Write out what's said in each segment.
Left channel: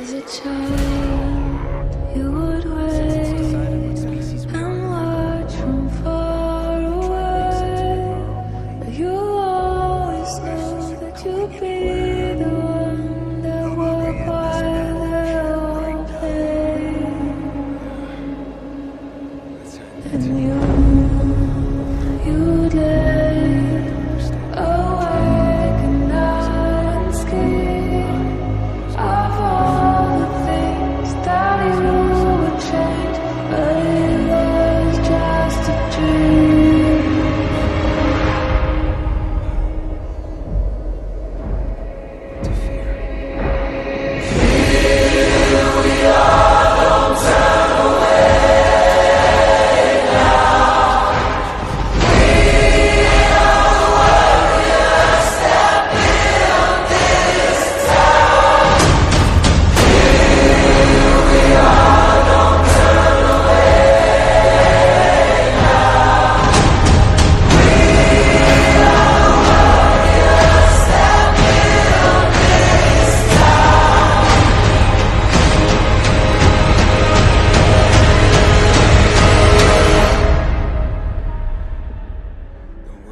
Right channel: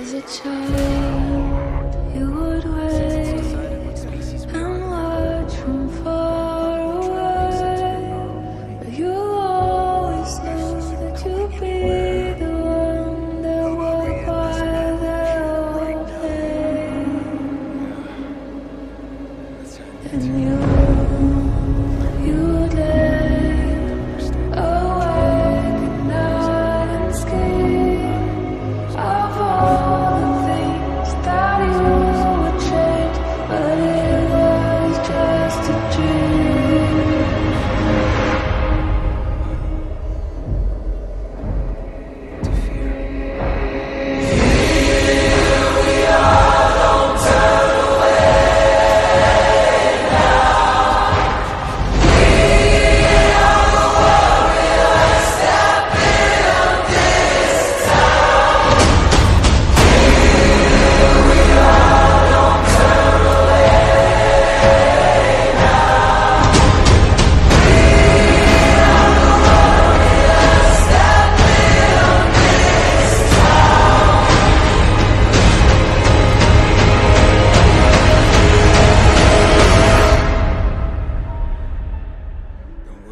As a child, you would wait and watch from far away. But you always knew that you'd be the one that would quiet their all pain. And you'd lay awake at night and scheme of all the things that you would change, but it was just a dream. To fear.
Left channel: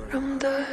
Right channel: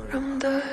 From dust.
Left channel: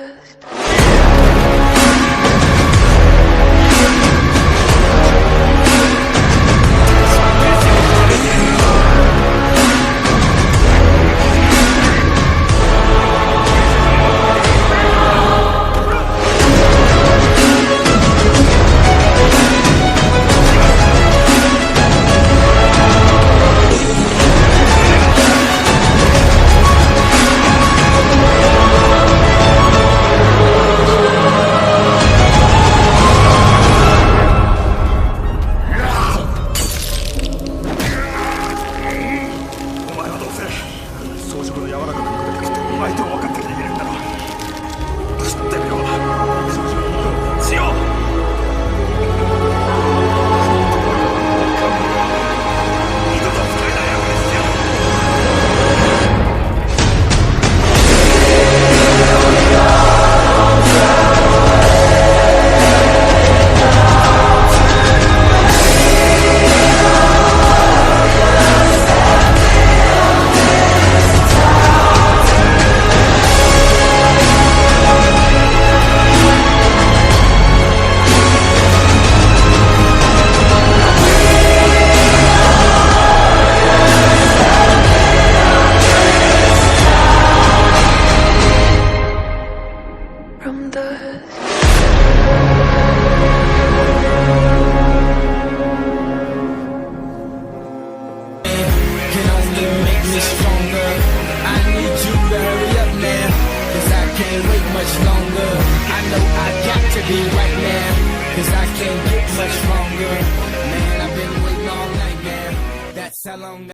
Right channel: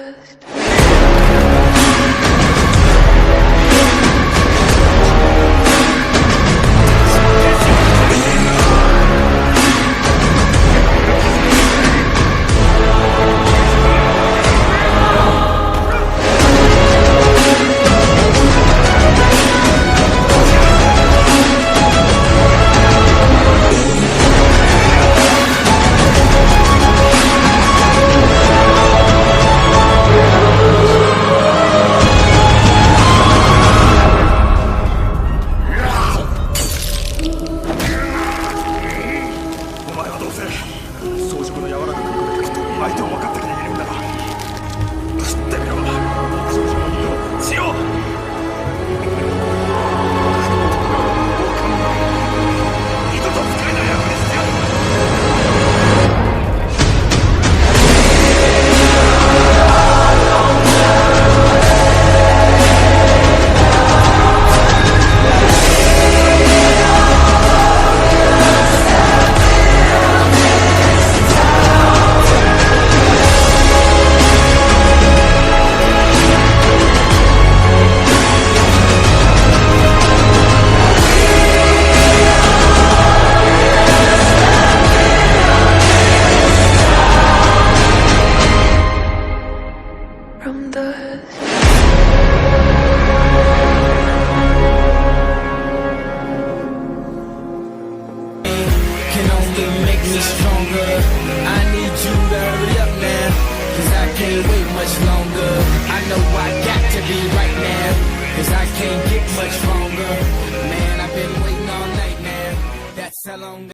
相手を分かってきているんだろう。知ってみろ、陸上人の肉を血を。二度と使えない役にしてやる。From dust. Can only make me stronger. I need you to hurry up now, 'cause I can't wait much longer. I know I got to be right now, 'cause I can't get much stronger. Man, I've been waiting all night now. That's how long